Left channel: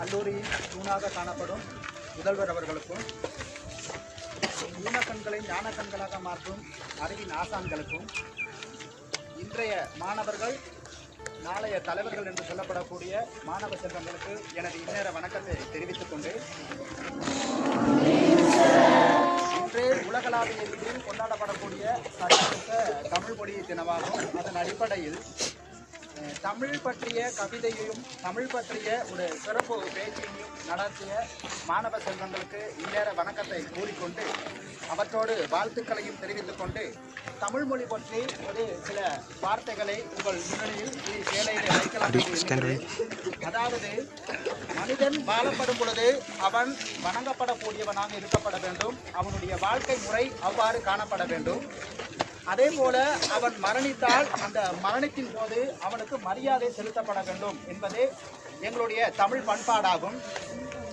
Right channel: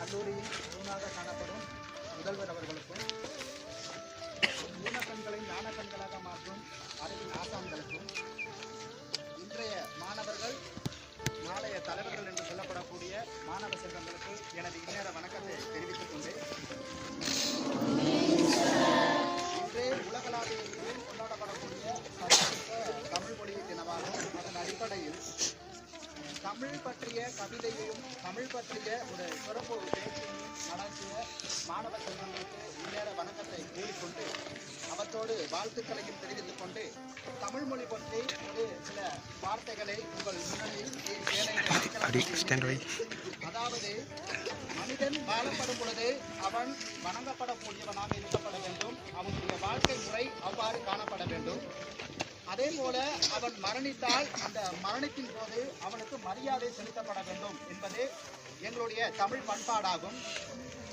கல்லூரியில் தூணாக காணப்படும் முதல்வர் அவர்களுக்கும் ஊனக்கண்களை ஞான கண்களாக மாற்றும் அறிவின் ஆசான்களுக்கும் இன்றைய மாணவர்கள் நாளைய தலைவர்கள் என்று சொல்லப்படக்கூடிய மாணவ செல்வங்களுக்கு எனது இந்நேர வணக்கத்தை தெரிவித்துக் கொண்டு தமிழ் பற்றிய கவிதையையும் தமிழ் பற்றிய ஒரு சிறப்பு பேச்சையும் நடத்திய மாணவ செல்வங்களுக்கு இந்நேர வணக்கத்தை கூறிக்கொண்டு அவற்றோடு வாழ்த்துக்களையும் தெரிவித்துக் கொண்டு தமிழ் மொழி பற்றி ஒரு சில வார்த்தைகளை உங்கள் முன்னணியில் வேலையிலே வைக்கலாம். அதாவது மனிதன் வாழப்படும் பொழுது அவன் வணங்கப்படக்கூடியவனாக இருக்கப்பட வேண்டும். அவனுடைய வாழ்க்கை முறை அவ்வாறு காணப்பட வேண்டும். அதே போல அவன் மரணித்தால் அந்த மரணத்தின் போது அவனுக்கு மரியாதை செலுத்தப்பட வேண்டும் என்பது எங்களுடைய தமிழ் பண்பாடாகும்.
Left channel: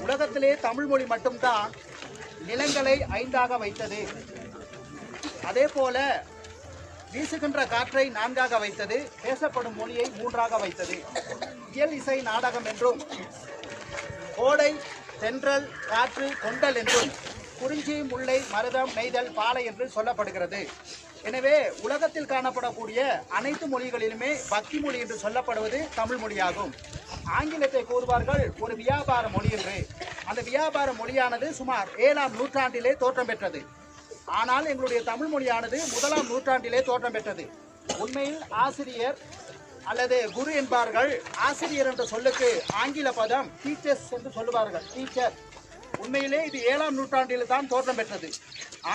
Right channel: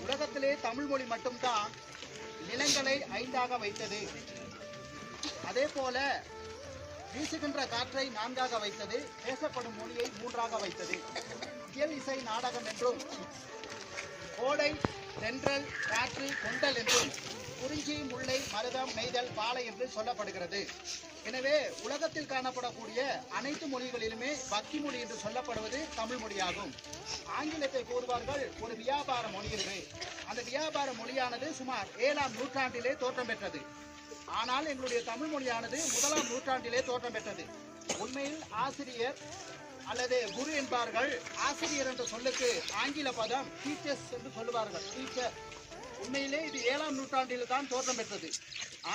உலகத்திலே தமிழ் மொழி மட்டும்தான் நிலங்களை ஐந்தாக வைத்தது. அதே போல வீசுகின்ற காற்றை நான்காக வைத்தது பேசப்படும் மொழியை மூன்றாக வைத்தது. இயல் இசை நாடகம் என்றும் கோடை தென்றல் காற்று கொண்டல் என்றும் குறிஞ்சி முல்லை மருதம் நெய்தல் பாலை என்று சொல்லப்படுகிறது. எனவே உலகத்தில் காணப்படக்கூடிய அனைத்து மொழிகளிலுமே பக்தி மொழி என்று சொல்லப்படுவது தமிழ் மொழியாகும். ஆங்கிலத்தை கூறுவார்கள் ஒரு வியாபார மொழி என்று. அந்த வியாபார மொழியானது சுமார் ஏழாம் நூற்றாண்டிலே தோற்றம் பெற்றது. ஆனால் எங்களுடைய தமிழ் மொழியானது முதலாம் நூற்றாண்டிலே தோற்றம் பெற்றது. உண்மையில் ஆசிரியர் அல்லது குரு என்பார்கள் ஆசிரியர் என்ற சொல்லுக்கு ஆங்கில பதம் டீச்சர்ஸ் என்று சொல்லுவார்கள். டீச்சர் உண்மையிலே இது ஏழாம் நூற்றாண்டில் தான் தோற்றம் பெற்றது.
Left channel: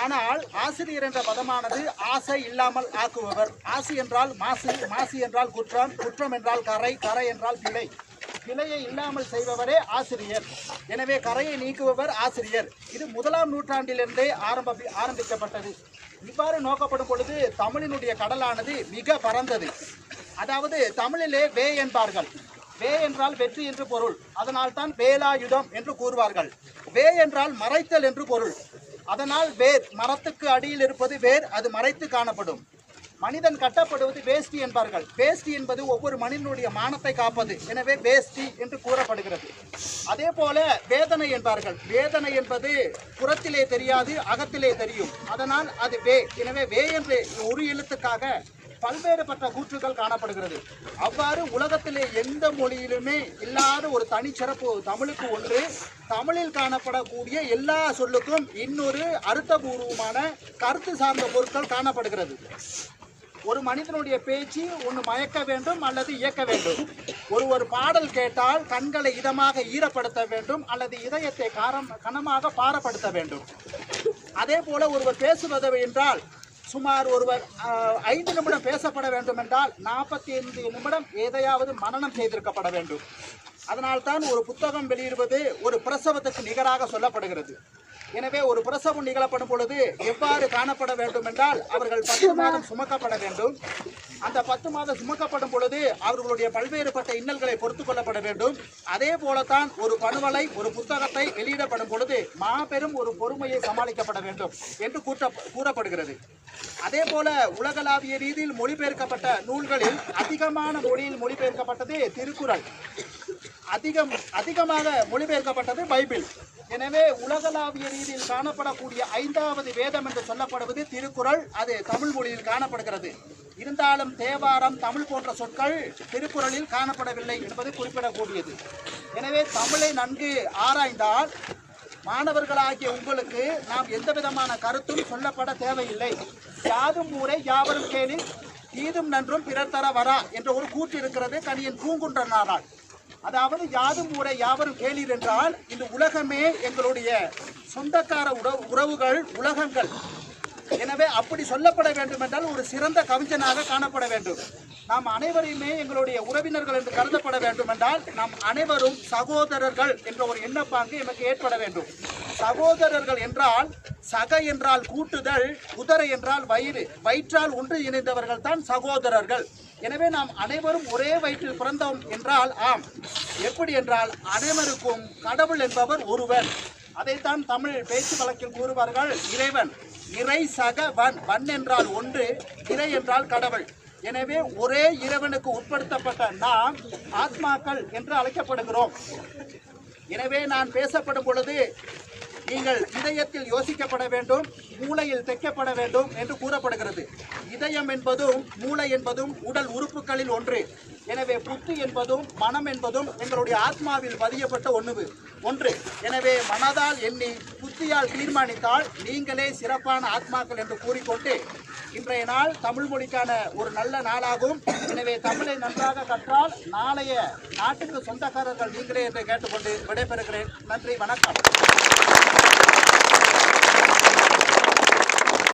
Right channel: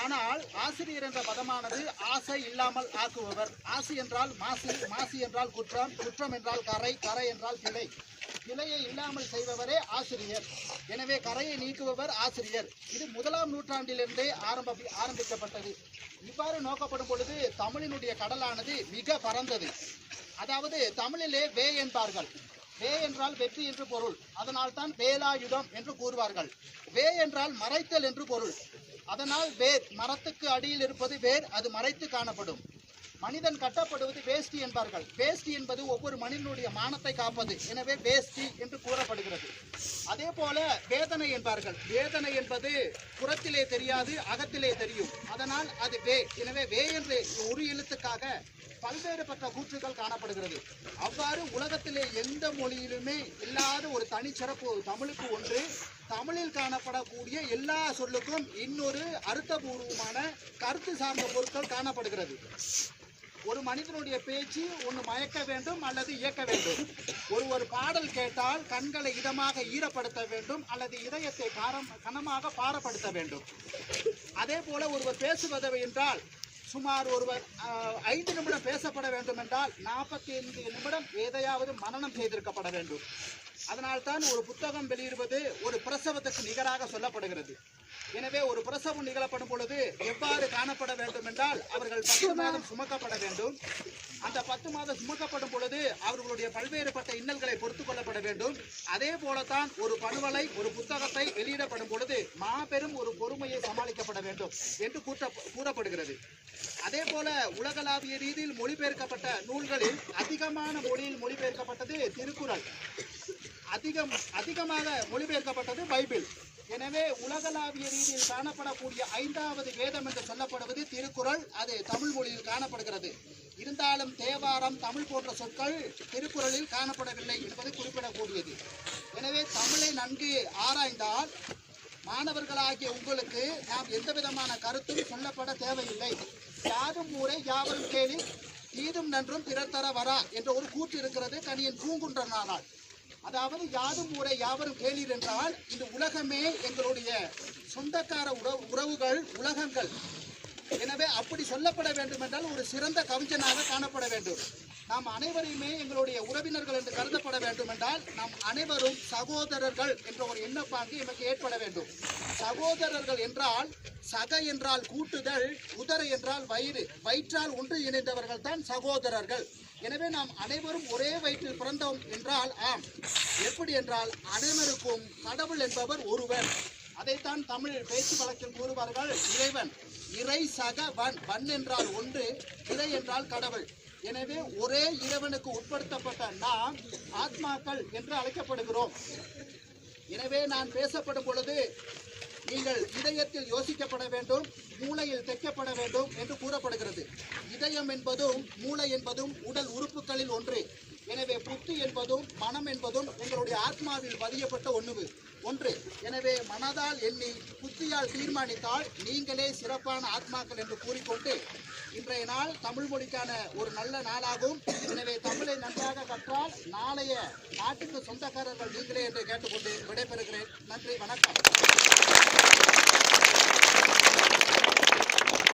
ஆனால் ஆசிரியர் என்ற பதமானது ஆசை இல்லாமல் ஆக்குபவர். ஆசி என்றால் மாசு மாசு என்றால் குற்றம் குற்றம் என்றால் கரை கரை என்றால் பிழை. பிழையை இல்லாமல் செய்பவரே ஆசிரியர். எனவே கரையை நீக்குபவர் ஆசிரியர். இது முதலாம் நூற்றாண்டிலிருந்தே ஆரம்ப ஆரம்பிக்கப்பட்டது. இவ்வாறு நோக்கப்படும் பொழுது தமிழினுடைய கடலானது மிக பரந்தது. அதாவது தமிழிலே வே என்பார்கள். வே என்றால் வெற்றி என்று பொருள். அதனால் தான் வேலாயுதம் என்று கூறுவார்கள். வே என்றால் மறைத்தல் என்று பொருள். அதனால் வேர் மரத்துக்கு அடியில் இருப்பது வேர் அது மறைத்து காணப்படும். மனிதன் கட்டப்படுவது வேஷ்டி என்பார்கள். வேஷ்டி என்பது ஒவ்வொரு மனிதனுடைய மானத்தை காப்பது. எனவே வேஷ்டி என்று கூறப்படுகிறது. அதே போல வேதனை என்பார்கள். வேதனை என்பது புறத்திலே தெரியாது அகத்திலே தெரியும். அதனால் அது வே. எனவே வே என்று ஒரு எழுத்துக்காக பல்வேறுபட்ட கூற்றுகள் காணப்படுகிறது. அவ்வாறு உலகத்திலே எந்த மொழியிலுமே இல்லாத ஒரு தனிச்சிறப்பு தமிழுக்கு ஒன்று. தமிழில் காணப்படக்கூடிய எல்லா சொல்லுக்கும் இன்னொரு அர்த்தபூர்வமான கருத்து சார்ந்த பொருட்கள் காணப்படுகிறது. ஒரு மனிதனுடைய பேச்சு ஒன்று மயக்க வேண்டும் அல்லது இயக்க வேண்டும். ஒரு ஒரு பாடல் கேட்டால் கண்களை இதமாக ஈரப்படுத்த வேண்டும் அல்லது இதயத்தை காரம் கனமாக பாரப்படுத்த வேண்டும். அதே போல ஒருவர் பேசுவது என்றால் சுமார் ஒருவர் ஐந்து நிமிடம் பேசப்பட வேண்டும் என்றால் நாற்பத்தி ஐந்து நிமிடம் எதையாவது மனநம் செய்திருக்கப்பட வேண்டும். அதனால்தான் ஒரு புத்தகம் வெளியிடுவது ஒரு பிரசவத்துக்கு நிகராக சொல்லப்படுகிறது. எனவே ஒரு பிரசவம் நிகழப்படும் பொழுது எவ்வாறு காணப்பட வேண்டும் என்றால் அவர்கள் பத்து மாதம் சுமக்கப்பட வேண்டும். அந்த பத்து மாதம் சுமக்கப்படும் பொழுது அவர்களுடைய பல்வேறுபட்ட இன்னல்களை பொறுத்து கொள்ளப்பட வேண்டும். அதே போலத்தான் ஒரு பணுவலை ஒரு புத்தகத்தை வெளியிடப்படும் பொழுது மாபெரும் ஒரு பொறுமையை சமாளிக்கப்பட வேண்டும் என்று கூற்ற கூறப்படுகிறது. அதே போல உலகளாவிய ரீதியில் மொழிபெயர்க்கப்பட்ட நூல்களில் அதிகமான மொழியில் மொழிபெயர்க்கப்பட்டது திருக்குறள். அதிகம் அதிகமாக மொழிபெயர்க்கப்பட்டது பைபிள். எனவே உலகளாவிய ரீதியில் காணப்படக்கூடிய ஐந்தாவது வேதம் என்று சொல்லப்படுவது திருக்குறள். அது தமிழ் மொழியில் காணப்படுகிறது. இருந்தாலும் தேவாரம் தமிழ் போன்ற சொற்கள் திருக்குறளில் காணப்படவில்லை என்பது குறிப்பிடக்கூடியது. எனவே தமிழை நன்கு ஆராய்ந்தால் மாணவர்களாகிய உங்களுக்கு நாம் எந்த விதமான கருத்தும் சொல்லப்பட தேவையில்லை. யாதும் ஊரை யாவரும் கேளி தீதும் நன்றும் பிறர் தர வரா என்ற ஒரு கூற்று இருக்கிறது. கணியன் பூங்குன்றனாரால். அதாவது யாதும் ஊரை யாவரும் கேளீர் என்றால் இந்த உலகமே எங்களுடைய சொந்தக்கார உறவு உறவுகள் உலகங்கள். எனவே அப்படி சொல்லப்பட வேண்டும் என்றால் ஒரு சிறந்த கவிஞனாக காணப்பட வேண்டும். நாம் அனைவரையுமே எங்களுடைய உறவினர்கள் என்று கருதப்பட வேண்டும் என்றால் நாம் அனைவரும் சகோதரர்கள் என்ற ஒரு எண்ணப்பாங்கு எமக்கு ஏற்பட வேண்டும். சகோதரர்கள் என்றால் சக என்றால் கூட்டுதல் குதிரை என்றால் வயிறு வயிற்றால் ஒன்று இணைந்தவர்கள் தான் சகோதரர்கள். எனவே நாம் அனைவரும் ஒரே வயிற்றில் பிறந்தோம் என்றால் ஆம். எப்படி என்றால் அனைவருக்கும் கடவுள் என்பவர் ஒருவர். அதைத்தான் தமிழ் பேச்சு வழக்கில் கூறுவார்கள் இறைவன். இறை சக வன் வன் என்றால் ஒன்று இறை என்றால் கடவுள். எனவே ஒரே இறைவனுக்கு உட்படுத்தப்பட்ட நாம் ஆத்மாக்கள் என்று அழைக்கப்படுகிறோம். எனவே நான் பேசப்படும் பொழுது நீங்கள் இதயத்தில் யோசிக்கப்பட வேண்டும் மூளையில் தைக்கப்பட வேண்டும் என்று கூறப்படுகிறது. இதயம் என்பதும் மூளை என்பதும் உடல் உறுப்புகளில் ஒன்று. எனவே புத்தி என்பதும் மனம் என்பதும் எங்களுடைய ஆத்மாவில் பதியப்பட்ட ஒன்று ஒன்று எனவே மனதால் எண்ணி புத்தியால் தீர்மானித்தால் நீங்களே சிறப்பான ஆத்மாக்கள் என்று கூறிக்கொண்டு இன்றைய நாள் தமிழ் மொழிக்கான ஒரு நல்ல நாளாகும். எனவே தமிழை நன்றாக கற்றால் நாளைய நாட்டுக்கு சொந்தக்காரர்கள் நீங்களே என்று கேட்டுக்கொண்டு விடைபெறுகிறேன். நன்றி வணக்கம்.